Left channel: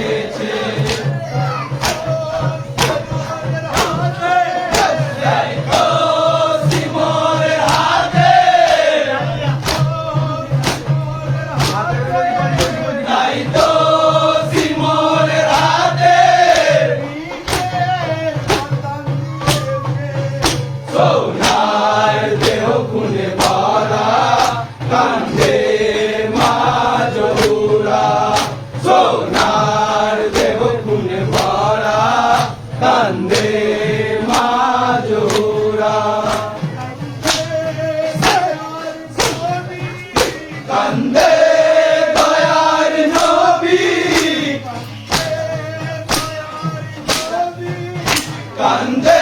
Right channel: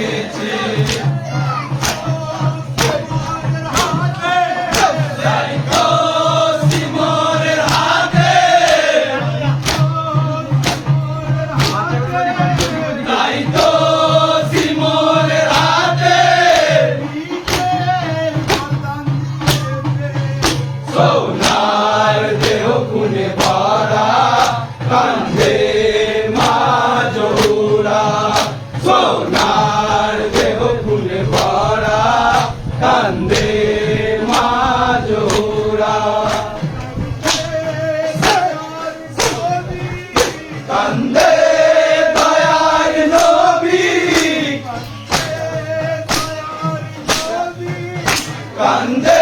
গেছে সোনার দেহ খুনে ভরা কান্দে মা জহুরা সোনার দেহ খুনে ভরা কান্দে মা জহুরা কান্দে দয়ার নবী কান্দে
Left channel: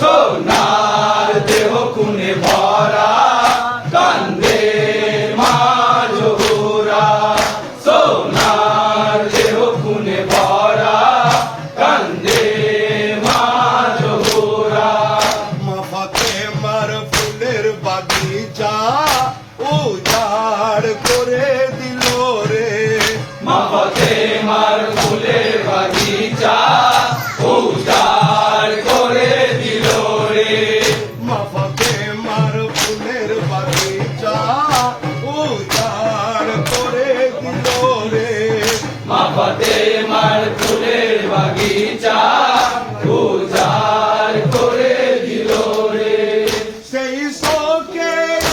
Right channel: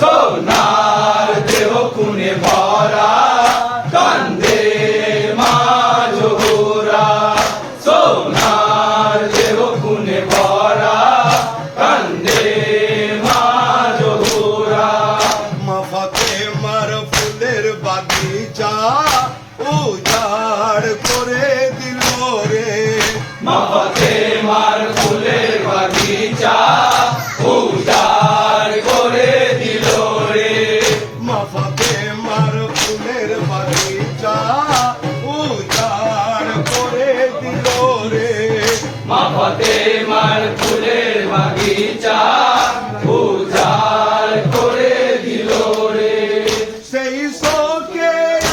সোনার দেহ খুনে ভরা কান্দে মা জহুরা সোনার দেহ খুনে ভরা কান্দে মা জহুরা মা ফাতেমার ফুলের বাগিচা উজাড় করে দিল রে মা ফাতেমার ফুলের বাগিচা উজাড় করে দিল রে মা ফাতেমার ফুলের বাগিচা উজাড় করে দিল রে মা ফাতেমার ফুলের বাগিচা উজাড় করে দিল রে সেই শোকের